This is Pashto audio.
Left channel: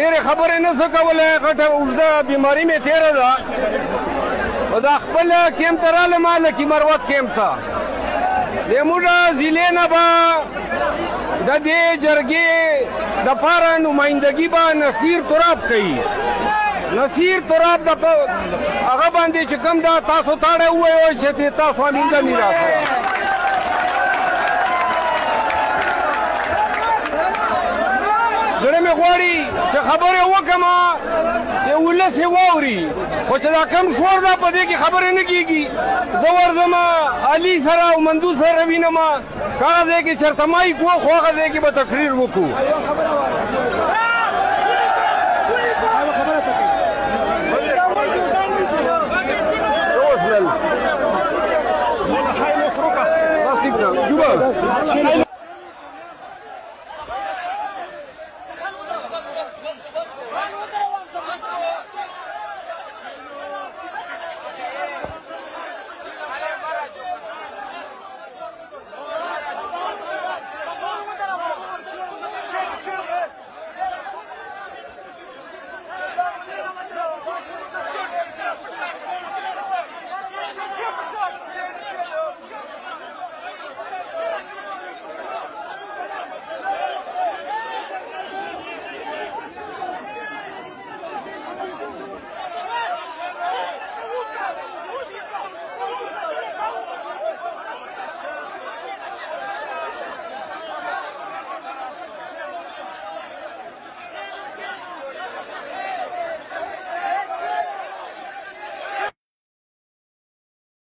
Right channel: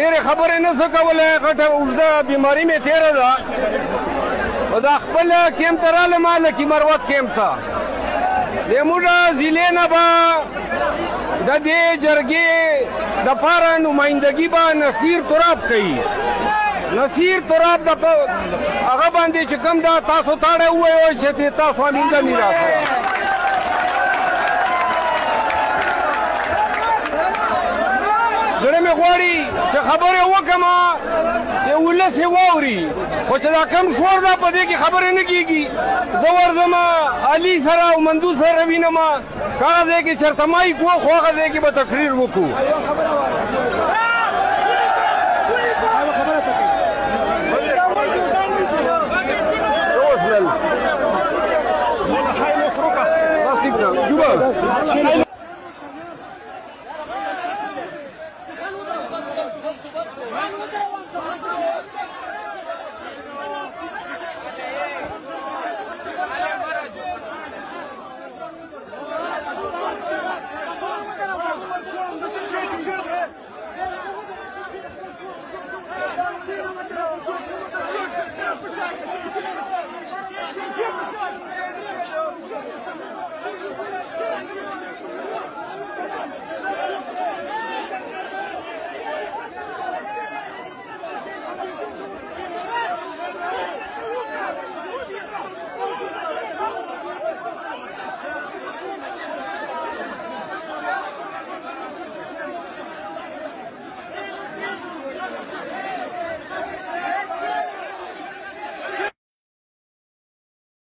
ډېرې خبرې نه څه کولی غټه اوږده بیماري مې تېره ده دا خپل کیمپ ته رالم لکي مروت کیمپ ته زموږ ضلع نه به د دې جرګې دپاره نمایندګي به نصیر تراب کوي نصیر تراب هغه باندې چې کوم ده تاسو تاړی ووایئ چې تاسو امینده مې راسره زړه مې غواړي چې خبرې وکړم چې ولس یې واوري خو چې دا کم شور ده په دې کې خبرې نه کېږي زه ورځم علي سره او مندو سره وینم که هغه ځای کې چېرته مایک و خو هغه ځای کې به تقریر وکړو اوس